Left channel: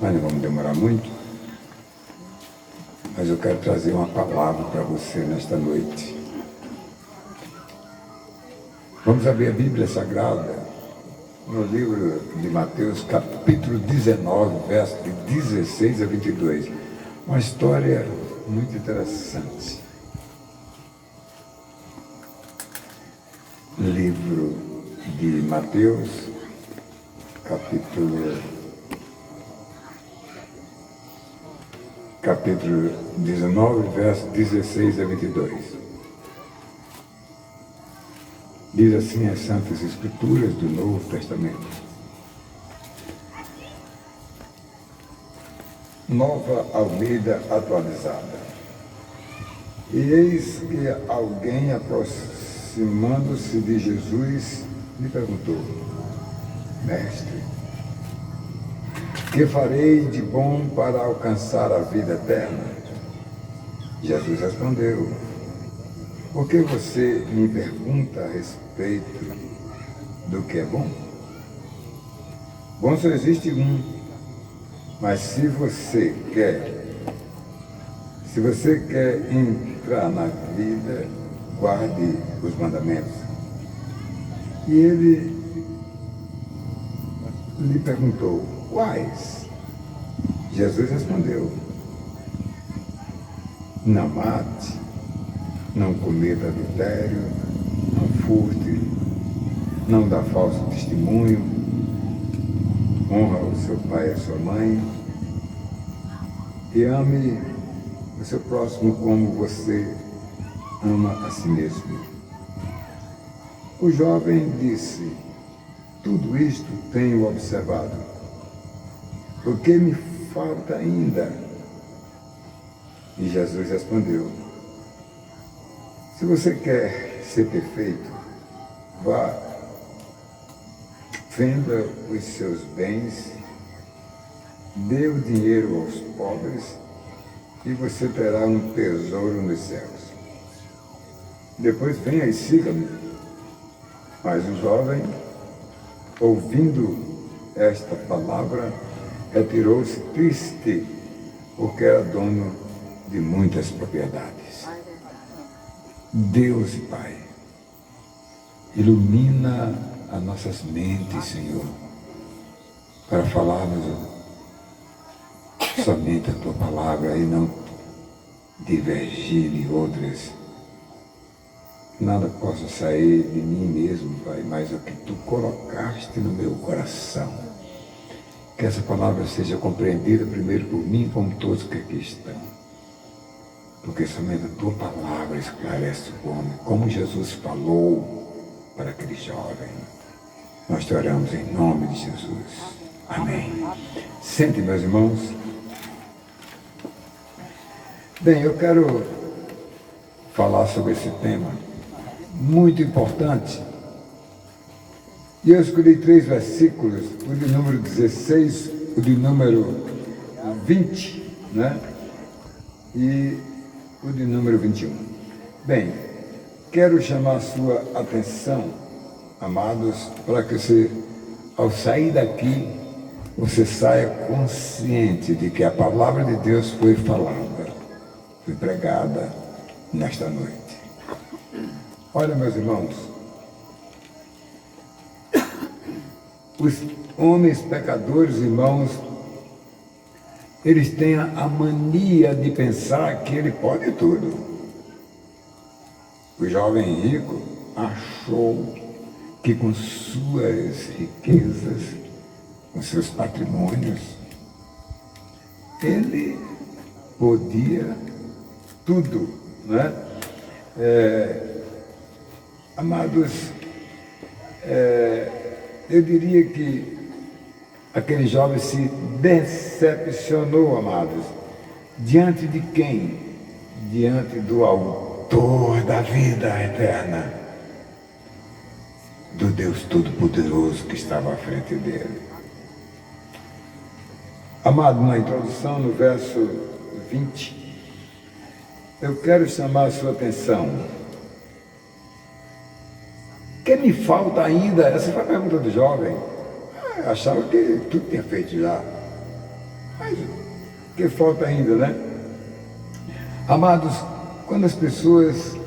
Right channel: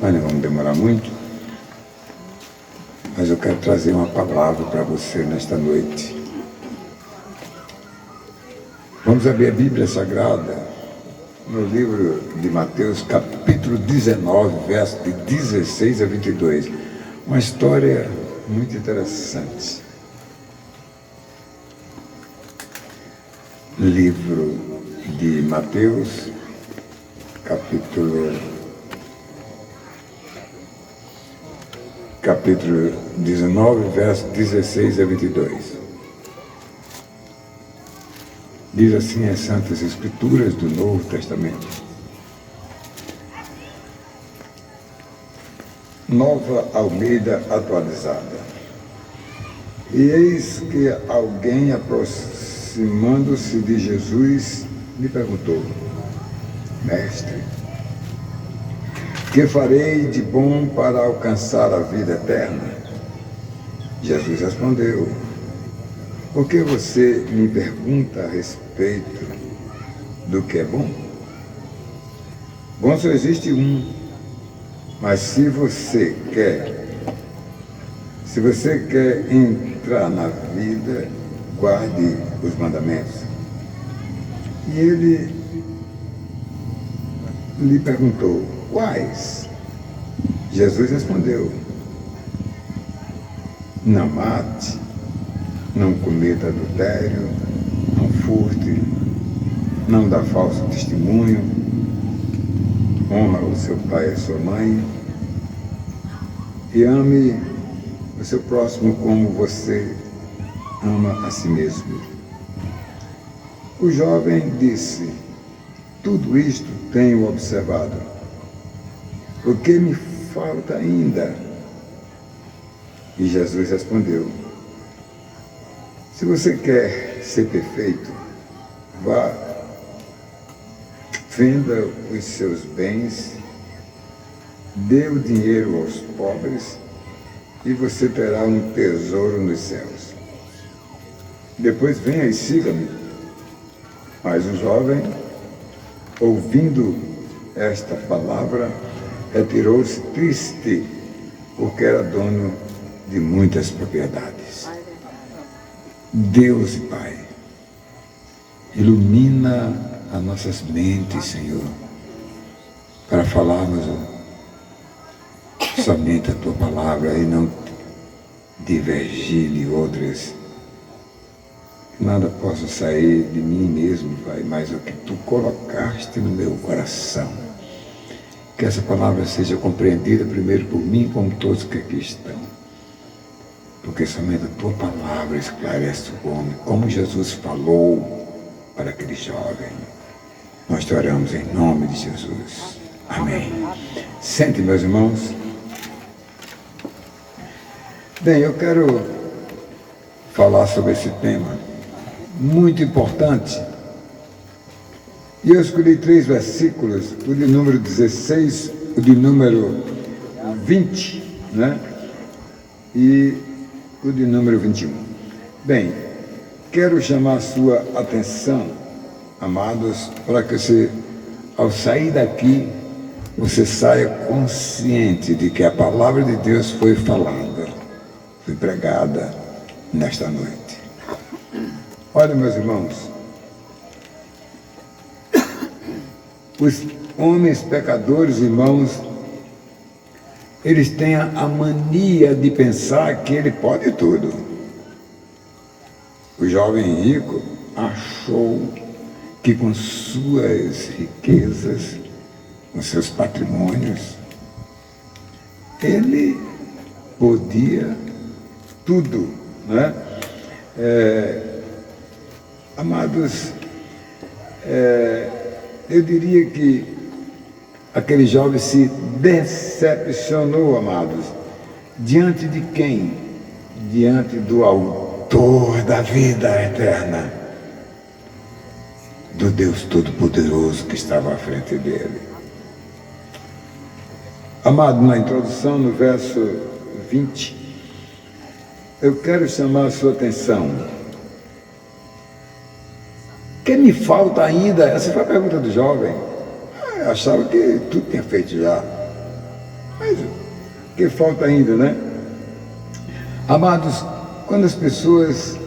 Mas não vamos demorar muito. Mas eu quero trazer uma palavra para você nesta noite. Vamos abrir a Bíblia Sagrada no livro de Mateus, capítulo 19, versos de 16 a 22. Uma história muito interessante. Livro de Mateus, capítulo 19, versos 16 a 22. Diz assim as Santas Escrituras do Novo Testamento. Nova Almeida atualizada. E eis que alguém, aproximando-se de Jesus, lhe perguntou: Mestre, que farei de bom para alcançar a vida eterna? Jesus respondeu: Por que você me pergunta a respeito do que é bom? Bom só existe um, mas se você quer entrar na vida, guarde os mandamentos. E ele lhe perguntou: Quais? Jesus respondeu: Não mate, não cometa adultério, não furte, não dá falso testemunho, honra o seu pai e a sua mãe, e ame o seu próximo como você ama a si mesmo. O jovem disse: Tudo isto tenho observado. O que me falta ainda? E Jesus respondeu: Se você quer ser perfeito, vá, venda os seus bens, dê o dinheiro aos pobres e você terá um tesouro nos céus. Depois venha e siga-me. Mas o jovem, ouvindo esta palavra, retirou-se triste, porque era dono de muitas propriedades. Deus e Pai, ilumina as nossas mentes, Senhor, para falarmos somente a Tua palavra e não divergir de outras. Que nada possa sair de mim mesmo, Pai, mas o que Tu colocaste no meu coração. Que essa palavra seja compreendida primeiro por mim, como todos que aqui estão. Porque somente a Tua palavra esclarece o homem, como Jesus falou para aquele jovem. Nós te oramos em nome de Jesus. Amém. Sente, meus irmãos. Bem, eu quero falar sobre esse tema muito importante. E eu escolhi 3 versículos, o de número 16, o de número 20, né? E o de número 21. Bem, quero chamar a sua atenção, amados, para que você, ao sair daqui, você saia consciente de que a palavra de Deus foi falada, foi pregada nesta noite. Olha, meus irmãos, os homens pecadores, irmãos, eles têm a mania de pensar que ele pode tudo. O jovem rico achou que com suas riquezas, com seus patrimônios, ele podia tudo, né? Amados, eu diria que aquele jovem se decepcionou, amados. Diante de quem? Diante do autor da vida eterna, do Deus Todo-Poderoso que estava à frente dele. Amado, na introdução, no verso 20, eu quero chamar a sua atenção. O que me falta ainda? Essa foi a pergunta do jovem. Eu achava que tudo tinha feito já. Mas o que falta ainda, né? Amados, quando as pessoas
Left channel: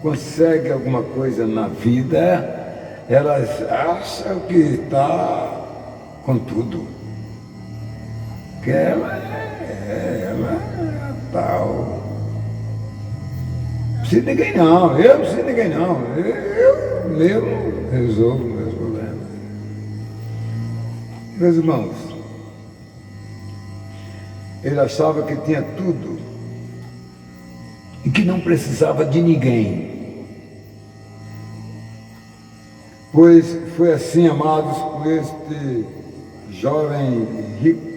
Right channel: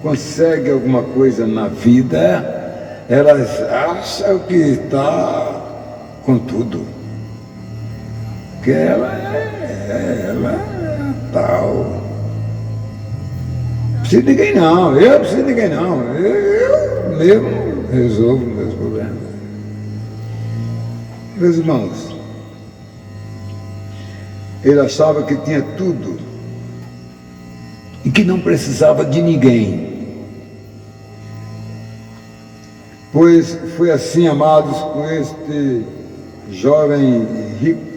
conseguem alguma coisa na vida, elas acham que está com tudo. Que ela é tal. Não precisa de ninguém não, eu não preciso de ninguém não. Eu mesmo resolvo meus problemas. Meus irmãos, ele achava que tinha tudo e que não precisava de ninguém. Pois foi assim, amados, com este jovem rico.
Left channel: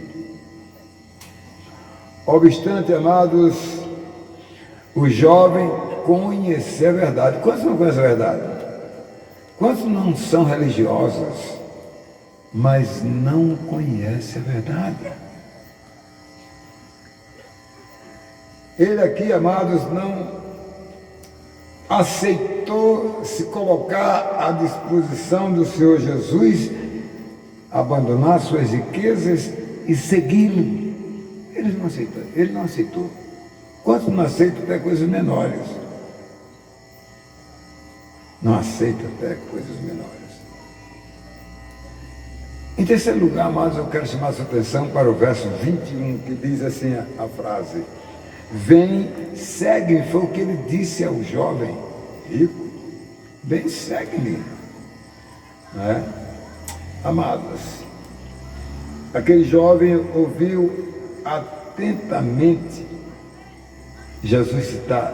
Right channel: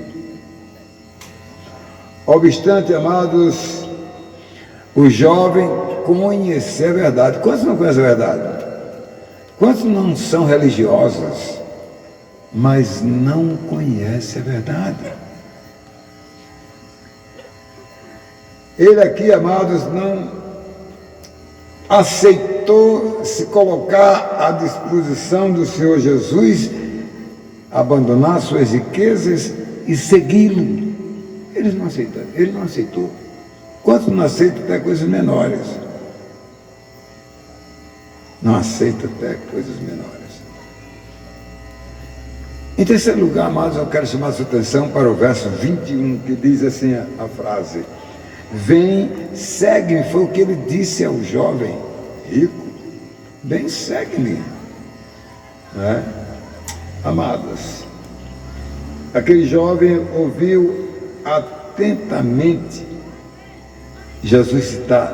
Obstante, amados, o jovem conhecer a verdade. Quantos não conhecem a verdade? Quantos não são religiosos, mas não conhecem a verdade? Ele aqui, amados, não aceitou se colocar à disposição do Senhor Jesus, abandonar suas riquezas e segui-lo. Ele não aceitou. Quantos não aceitam até coisas menores? Não aceita até coisas menores. Em terceiro lugar, amados, eu quero chamar a sua atenção para o verso 21, que diz assim a frase: vem, segue-me, foi o que ele disse ao jovem rico. Vem, segue-me. Né? Amados, aquele jovem ouviu atentamente Jesus citar,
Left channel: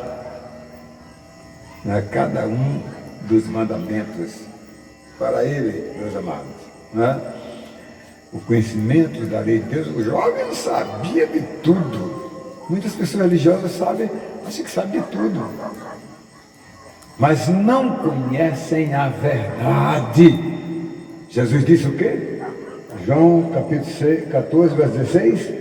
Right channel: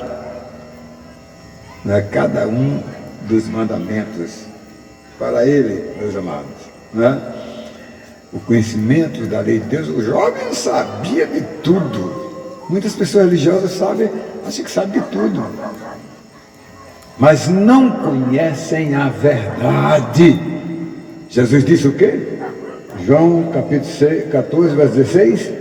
né, cada um dos mandamentos para ele, meus amados, né? O conhecimento da lei de Deus. O jovem sabia de tudo. Muitas pessoas religiosas acham que sabem de tudo, mas não conhecem a verdade. Jesus disse o quê? João capítulo 14, verso 16,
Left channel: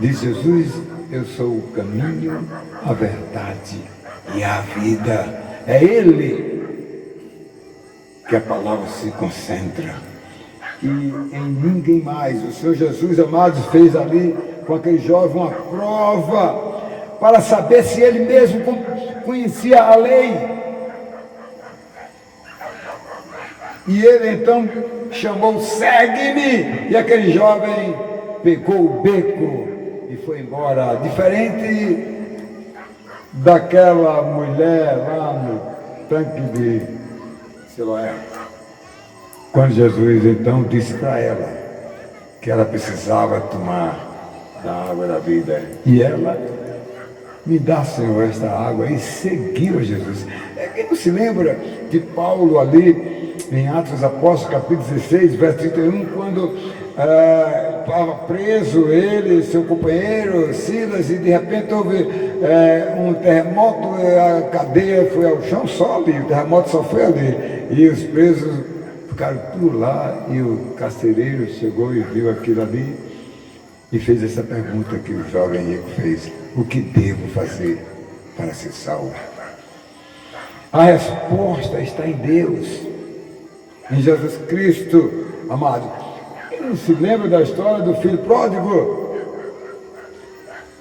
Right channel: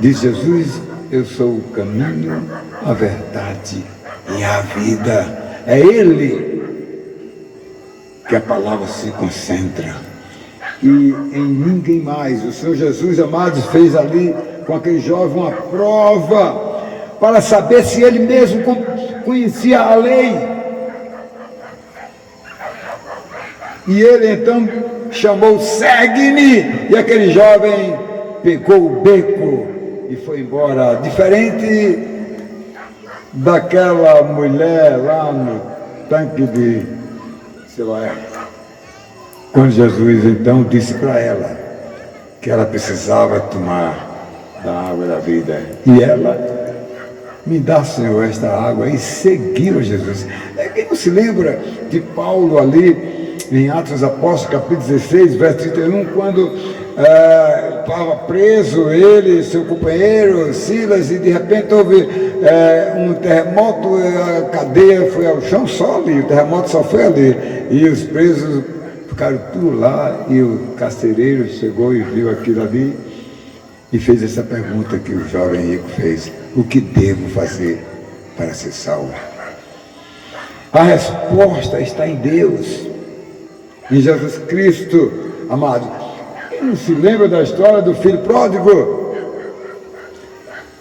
diz Jesus: eu sou o caminho, a verdade e a vida. É Ele que a palavra se concentra, e em ninguém mais. O Senhor Jesus, amados, fez ali com aquele jovem uma prova para saber se ele mesmo conhecia a lei. E ele então chamou: segue-me. E aquele jovem pegou o beco e foi embora. Diferente daquela mulher lá no tanque de Siloé, quando Jesus então disse para ela que ela precisava tomar da água da vida, e ela: me dá, Senhor, esta água, e seguiu a Jesus. Quem não se lembra de Paulo ali em Atos dos Apóstolos, capítulo 16, verso 31, quando estava preso ele e seu companheiro Silas, e de repente houve um terremoto, a cadeia foi ao chão só ali, o terremoto só foi ali, e os presos ficaram tudo lá, e o carcereiro chegou e viu aquilo ali e fez essa pergunta que o jovem rico fez: o que devo fazer para ser salvo? A resposta está em Deus, em Jesus Cristo, amado. Quem não se lembra da história do filho pródigo,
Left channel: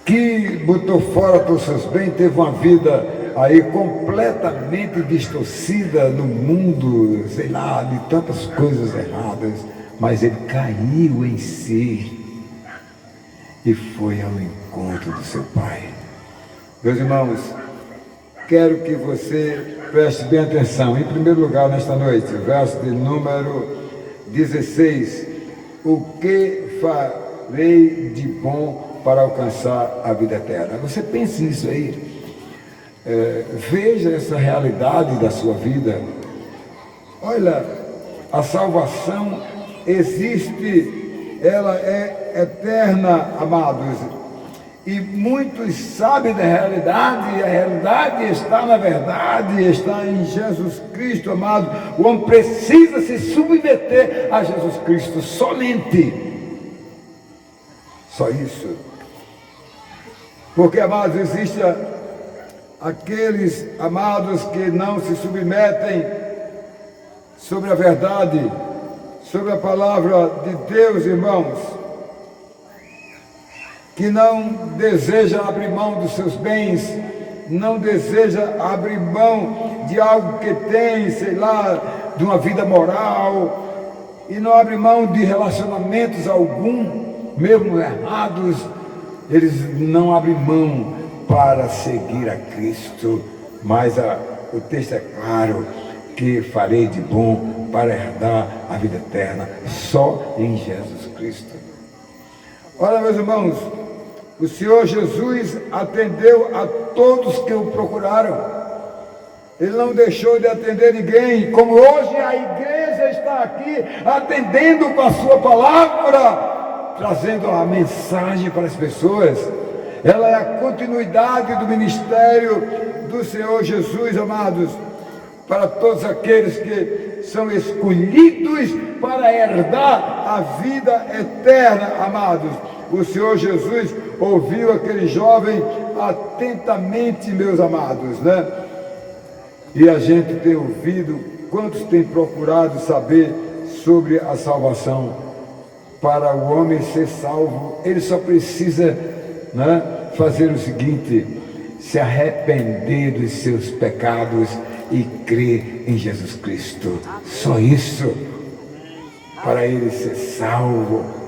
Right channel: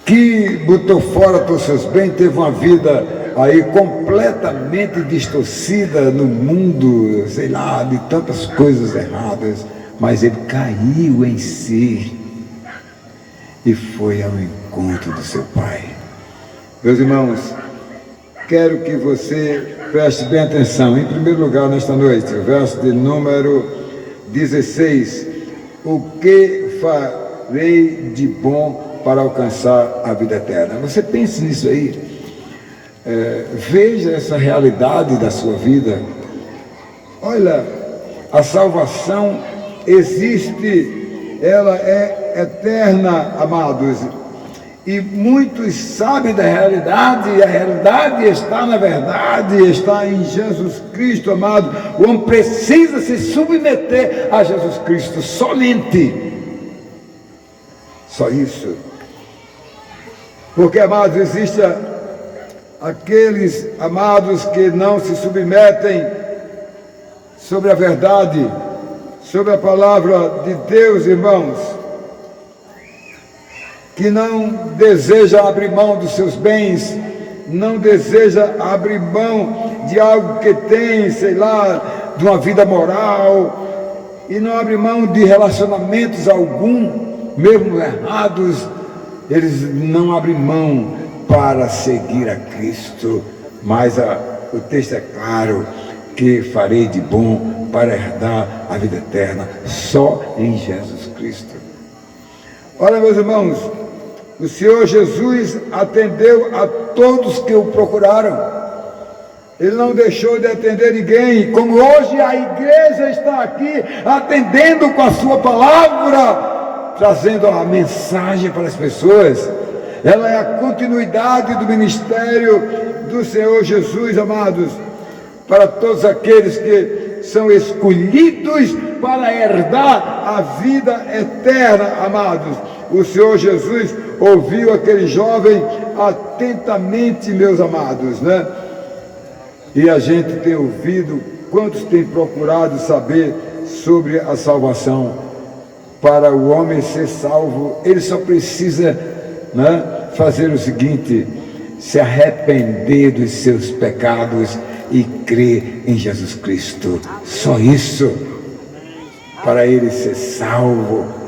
que botou fora todos os seus bens, teve uma vida aí completamente distorcida no mundo, sei lá, de tantas coisas erradas, mas ele caiu em si e foi ao encontro do seu Pai. Meus irmãos, quero que você preste bem atenção. Em primeiro lugar, nesta noite, o verso de número 16: o que farei de bom para alcançar a vida eterna? Você pense nisso aí. Veja essa realidade da sua vida. Olha, a salvação existe, ela é eterna, amados, e muitos sabem da realidade, e a realidade está na verdade, está em Jesus Cristo, amado. O homem precisa se submeter a Jesus Cristo somente, só isso. Porque, amados, existem aqueles, amados, que não se submetem sobre a verdade, sobre a palavra de Deus, irmãos. que não deseja abrir mão dos seus bens, não deseja abrir mão de algo que tem, sei lá, de uma vida moral, e não abre mão de relacionamentos algum, mesmo errados, eles não abrem mão para seguir a Cristo, mas o texto é claro, que farei de bom para herdar a vida eterna, só em Jesus Cristo. Olha, meus irmãos, o Senhor Jesus atendeu a todos que o procuraram. Ele não deixou de atender ninguém, como hoje a igreja está aqui atendendo com a sua palavra, trazendo a mensagem para as pessoas. Ela é a continuidade do ministério do Senhor Jesus, amados, para todos aqueles que são escolhidos para herdar a vida eterna, amados. O Senhor Jesus ouviu aquele jovem atentamente, meus amados, né? E a gente tem ouvido, quantos têm procurado saber sobre a salvação? Para o homem ser salvo, ele só precisa, né, fazer o seguinte: se arrepender dos seus pecados e crer em Jesus Cristo. Só isso, para ele ser salvo.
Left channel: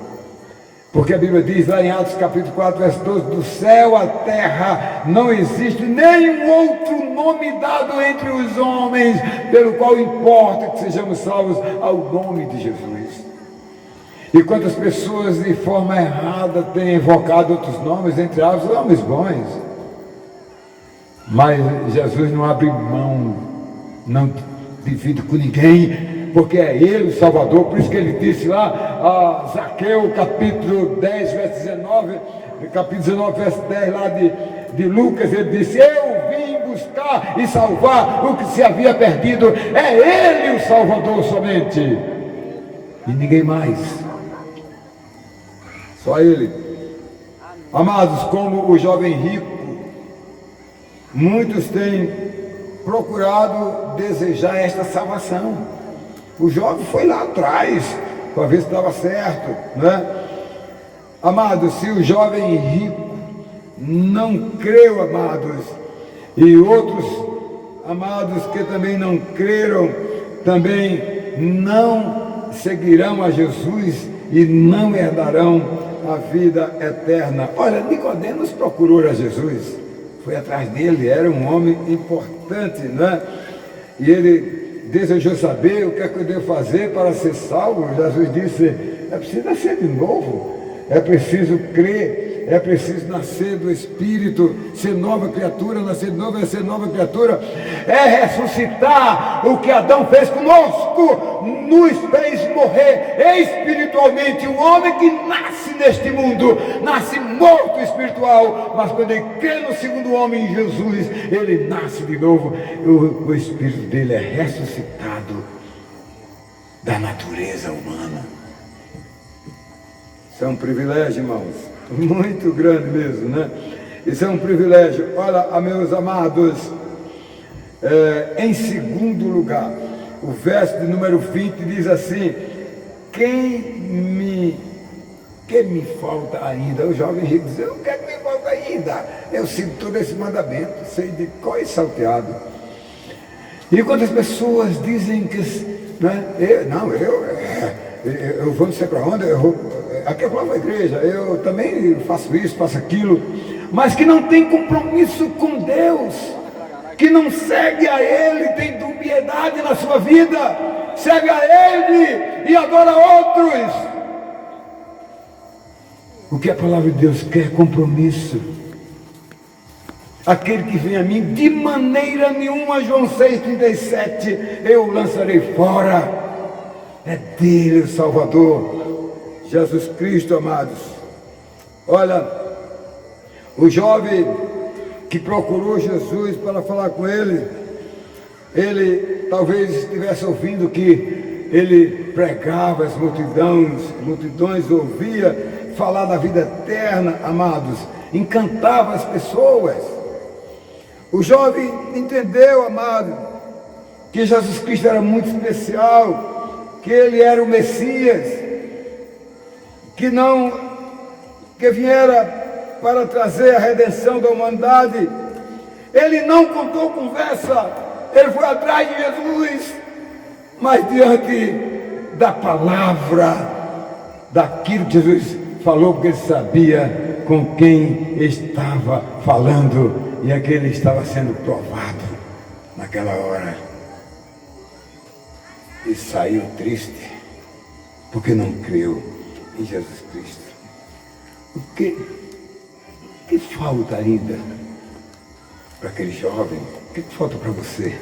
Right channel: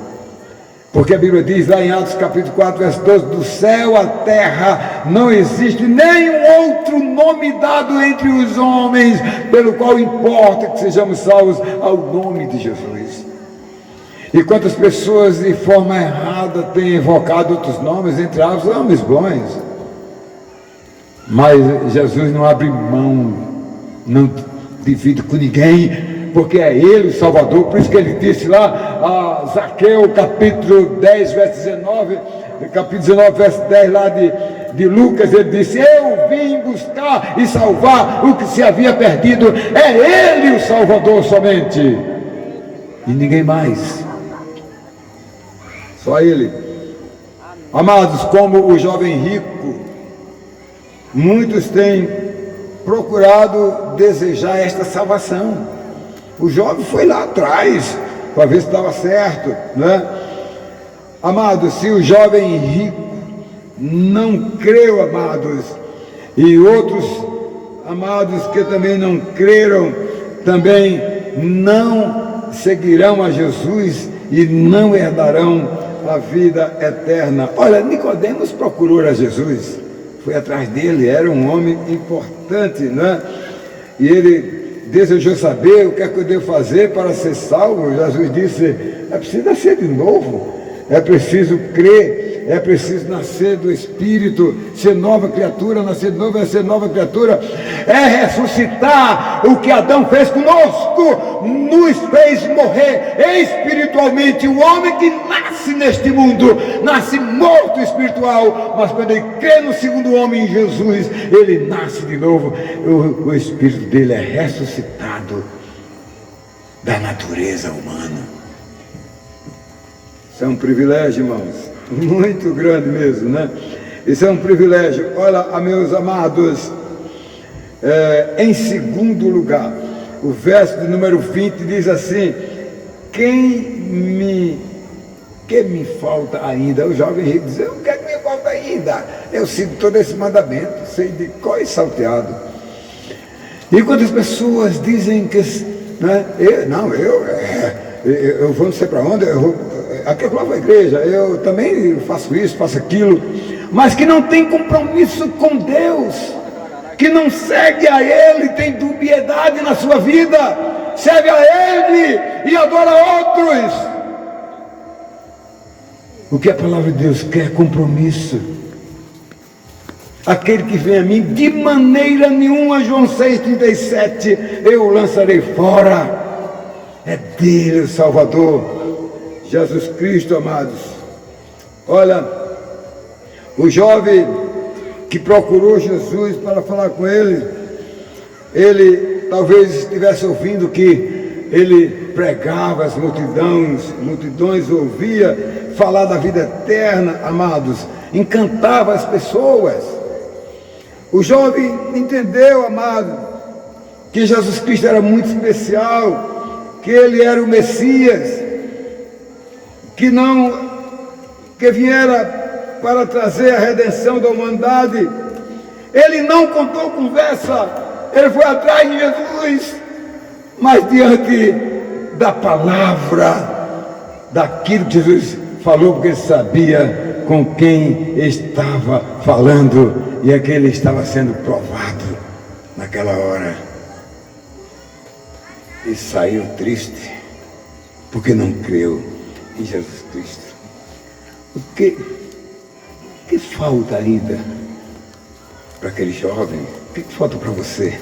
Porque a Bíblia diz lá em Atos capítulo 4, verso 12, do céu à terra não existe nenhum outro nome dado entre os homens, pelo qual importa que sejamos salvos ao nome de Jesus. E quantas pessoas de forma errada têm invocado outros nomes, entre aspas, nomes bons. Mas Jesus não abre mão, não divide com ninguém, porque é Ele o Salvador. Por isso que Ele disse lá, a Zaqueu, capítulo 10, verso 19, capítulo 19, verso 10 lá de Lucas, Ele disse: eu vim buscar e salvar o que se havia perdido. É Ele o Salvador somente, e ninguém mais, só Ele. Amados, como o jovem rico, muitos têm procurado desejar esta salvação. O jovem foi lá atrás para ver se estava certo, né? Amados, se o jovem rico não creu, amados, e outros, amados, que também não creram, também não seguirão a Jesus e não herdarão a vida eterna. Olha, Nicodemos procurou a Jesus, foi atrás dele, era um homem importante, né? E ele desejou saber o que é que eu devo fazer para ser salvo. Jesus disse: é preciso nascer de novo, é preciso crer, é preciso nascer do Espírito, ser nova criatura. Nascer de novo é ser nova criatura, é ressuscitar. O que Adão fez conosco, nos fez morrer espiritualmente. O homem que nasce neste mundo, nasce morto espiritual, mas quando ele crê no segundo homem, em Jesus, ele nasce de novo. O espírito dele é ressuscitado da natureza humana. Isso é um privilégio, irmãos, muito grande mesmo, né? Isso é um privilégio. Olha, meus amados, em segundo lugar, o verso de número 20 diz assim: que me falta ainda? O jovem rico diz: o que é que me falta ainda? Eu sinto todo esse mandamento, sei de cor e salteado. E quantas pessoas dizem que, né, eu vou não sei para onde, aqui eu vou à igreja, eu também faço isso, faço aquilo, mas que não tem compromisso com Deus, que não segue a Ele, tem dubiedade na sua vida, serve a Ele e adora outros. O que a palavra de Deus quer é compromisso. Aquele que vem a mim, de maneira nenhuma, João 6,37, eu o lançarei fora. É dele o Salvador, Jesus Cristo, amados. Olha, o jovem que procurou Jesus para falar com ele talvez estivesse ouvindo que ele pregava, as multidões ouvia falar da vida eterna, amados, encantava as pessoas. O jovem entendeu, amado, que Jesus Cristo era muito especial, que ele era o Messias, que viera para trazer a redenção da humanidade. Ele não contou conversa, ele foi atrás de Jesus, mas diante da palavra, daquilo que Jesus falou, porque ele sabia com quem estava falando e aquele estava sendo provado naquela hora. E saiu triste, porque não creu em Jesus Cristo. O que falta ainda para aquele jovem? O que falta para você?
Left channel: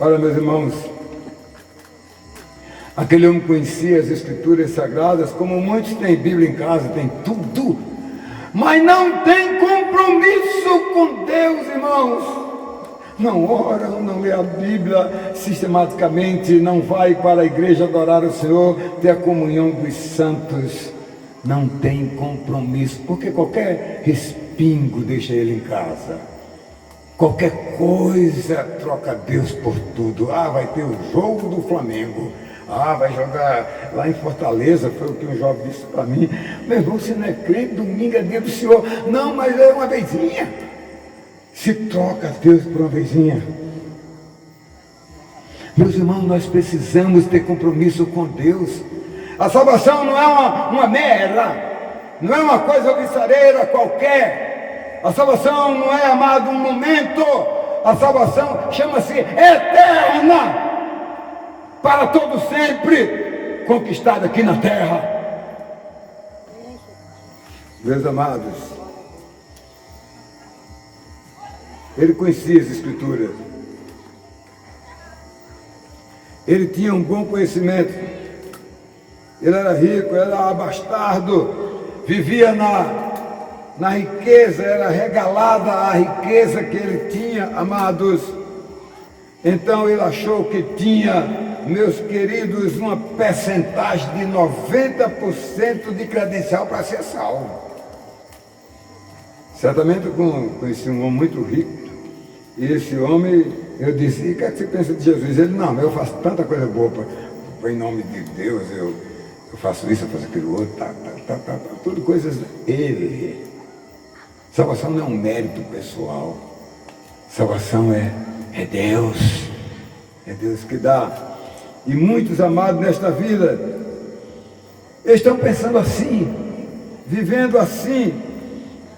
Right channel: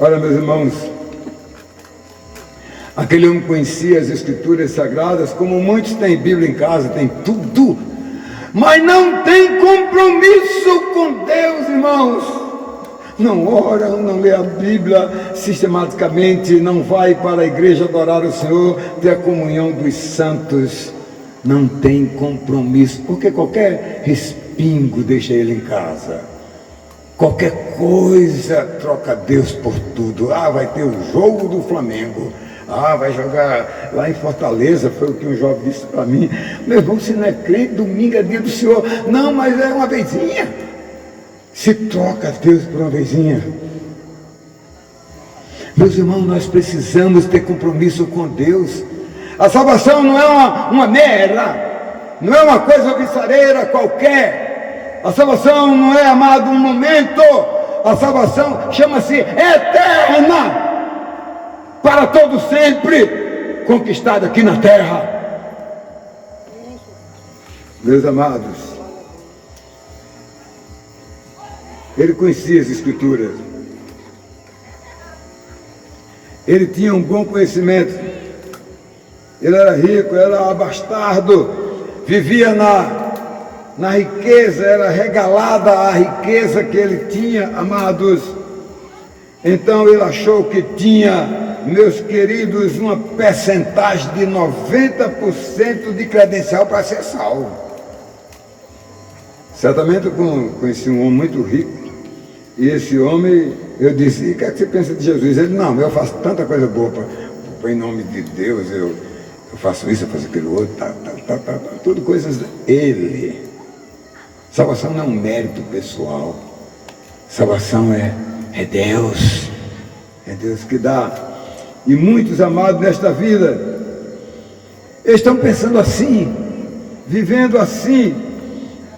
Olha, meus irmãos, aquele homem conhecia as Escrituras Sagradas, como muitos têm Bíblia em casa, tem tudo, mas não tem compromisso com Deus, irmãos. Não ora, não lê a Bíblia sistematicamente, não vai para a igreja adorar o Senhor, ter a comunhão dos santos, não tem compromisso, porque qualquer respingo deixa ele em casa, qualquer coisa troca Deus por tudo. Vai ter o jogo do Flamengo, vai jogar lá em Fortaleza, foi o que um jovem disse para mim: meu irmão, você não é crente, domingo é dia do Senhor. Não, mas é uma vezinha. Se troca Deus por uma vezinha. Meus irmãos, nós precisamos ter compromisso com Deus. A salvação não é uma mera, não é uma coisa viçareira qualquer. A salvação não é, amado, um momento. A salvação chama-se eterna, para todo sempre, conquistada aqui na terra. Meus amados, ele conhecia as Escrituras, ele tinha um bom conhecimento, ele era rico, era abastardo, vivia na riqueza, era regalada a riqueza que ele tinha, amados. Então ele achou que tinha, meus queridos, uma percentagem de 90% de credencial para ser salvo. Certamente eu conheci um homem muito rico, e esse homem, eu disse: e o que é que você pensa de Jesus? Ele: não, eu faço tanta coisa boa em nome de Deus, eu faço isso, eu faço aquilo outro, tudo coisas dele. Salvação não é um mérito pessoal, salvação é Deus, é Deus que dá. E muitos, amados, nesta vida estão pensando assim, vivendo assim,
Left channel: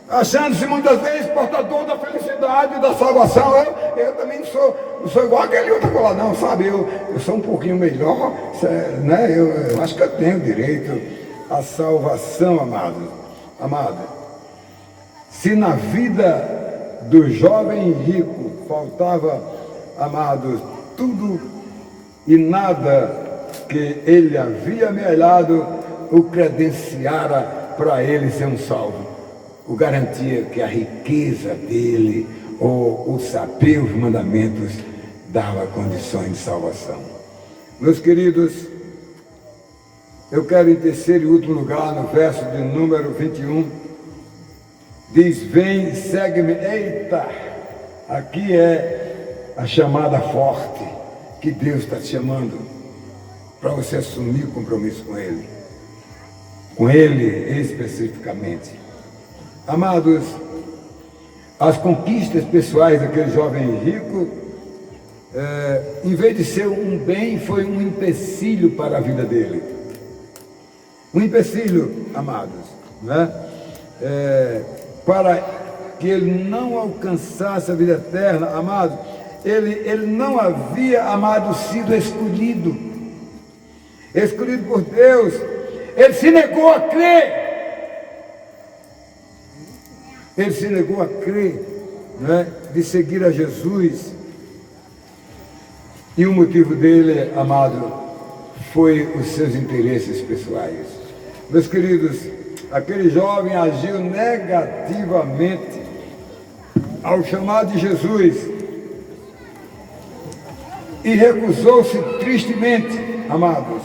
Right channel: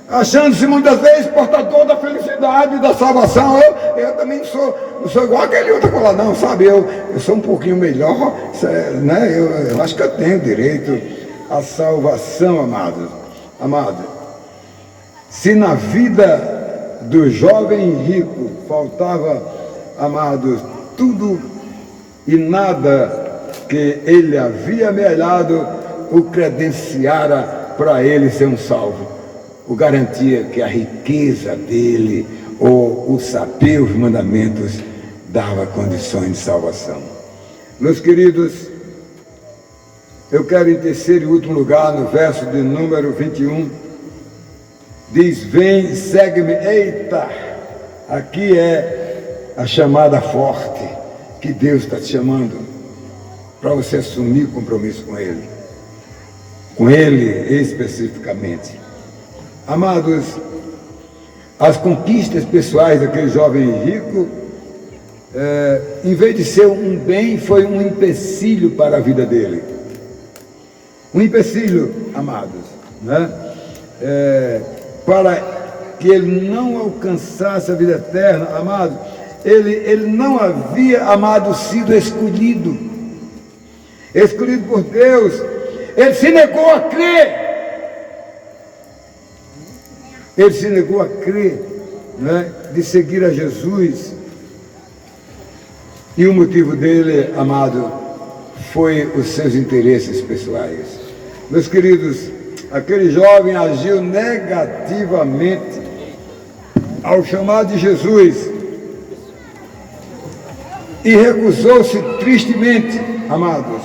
achando-se muitas vezes portador da felicidade, da salvação. Eu também não sou igual aquele outro lá, não, sabe? Eu sou um pouquinho melhor, né? Eu acho que eu tenho direito à salvação, amados. Se na vida do jovem rico faltava, amados, tudo e nada que ele havia amealhado, o credenciara para ele ser um salvo. O garantia que a riqueza dele, ou o saber os mandamentos, dava condições de salvação. Meus queridos, eu quero em terceiro e último lugar, no verso de número 21, diz: vem, segue-me. Eita, aqui é a chamada forte, que Deus está te chamando, para você assumir o compromisso com Ele especificamente. Amados, as conquistas pessoais daquele jovem rico, em vez de ser um bem, foi um empecilho para a vida dele. Um empecilho, amados, né? Para que ele não alcançasse a vida eterna, amados. Ele não havia, amado, sido escolhido por Deus. Ele se negou a crer. Ele se negou a crer, né, de seguir a Jesus. E o motivo dele, amado, foi os seus interesses pessoais. Meus queridos, aquele jovem agiu negativamente ao chamado de Jesus e recusou-se tristemente, amados,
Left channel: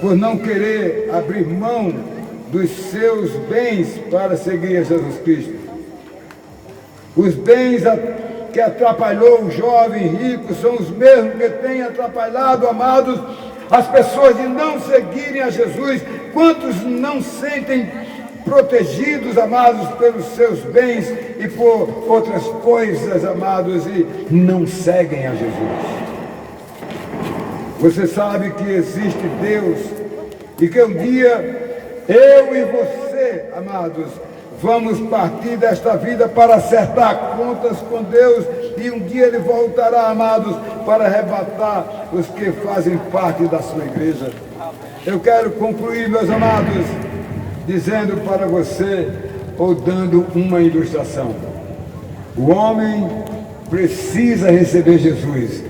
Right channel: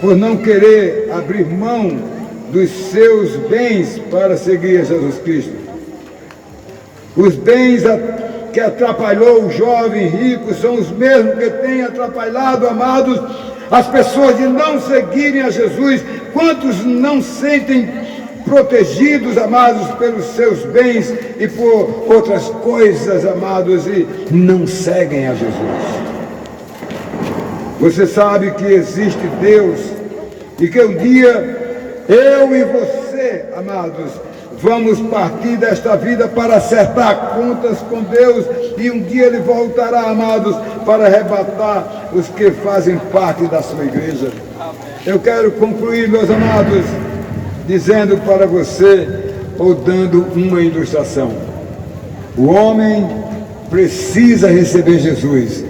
por não querer abrir mão dos seus bens para seguir a Jesus Cristo. Os bens que atrapalhou o jovem rico são os mesmos que têm atrapalhado, amados, as pessoas de não seguirem a Jesus? Quantos não sentem protegidos, amados, pelos seus bens e por outras coisas, amados, e não seguem a Jesus? Você sabe que existe Deus e que um dia eu e você, amados, vamos partir desta vida para acertar contas com Deus, e um dia Ele voltará, amados, para arrebatar os que fazem parte da sua igreja. Eu quero concluir, meus amados, dizendo para você, ou dando uma ilustração. O homem precisa receber Jesus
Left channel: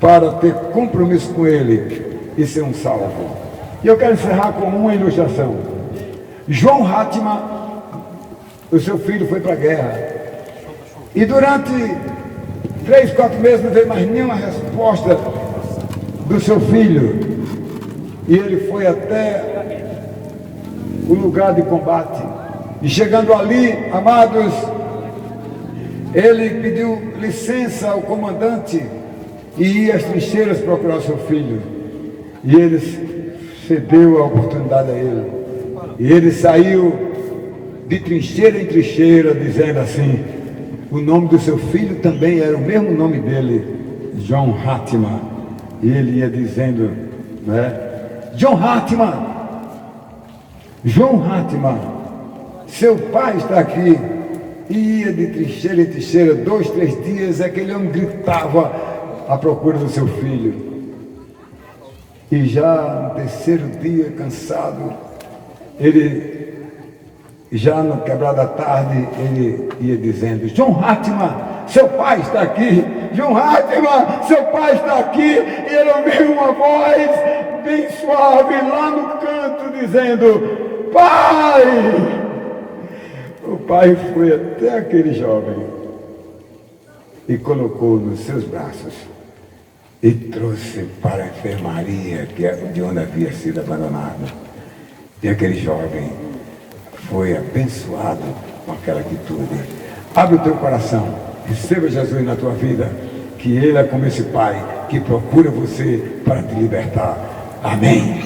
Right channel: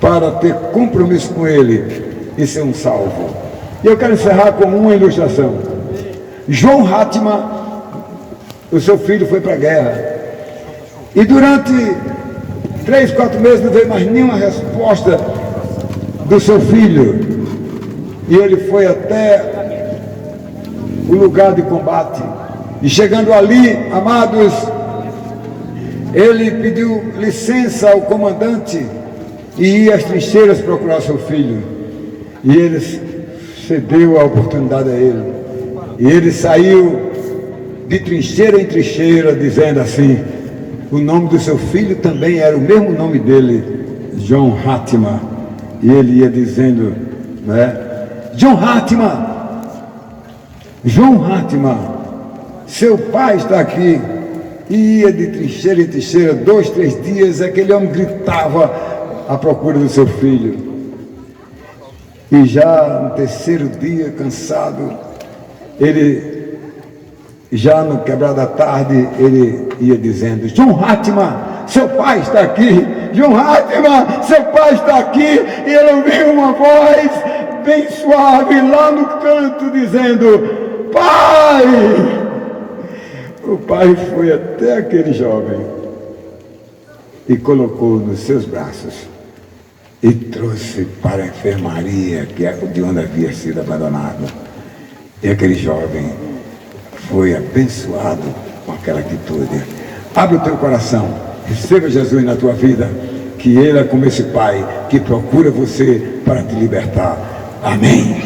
para ter compromisso com Ele e ser um salvo. E eu quero encerrar com uma ilustração. João Hatman, o seu filho foi para a guerra, e durante 3, 4 meses não veio mais nenhuma resposta do seu filho, e ele foi até o lugar de combate, e chegando ali, amados, ele pediu licença ao comandante e ia às trincheiras procurar seu filho, e ele cedeu a oportunidade a ele, e ele saiu de trincheira em trincheira, dizendo assim, o nome do seu filho também era o mesmo nome dele, John Hatman, e ele ia dizendo, né, John Hatman, seu pai está aqui. E ia de trincheira em trincheira, 2, 3 dias, aquele homem gritava à procura do seu filho. E já no terceiro dia, cansado, ele, já no quebrar da tarde, ele ia dizendo, John Hatman, seu pai está aqui. John Hatman, seu pai está aqui. E ele ouviu uma voz bem suave lá no canto dizendo, pai! O pai foi até aquele jovem e colocou nos seus braços e trouxe para a enfermaria de onde havia sido abandonado. E aquele jovem foi abençoado com aquela atitude. Abre o teu coração, receba Jesus na tua vida, que Ele é como esse pai que procura você para te libertar. Amém.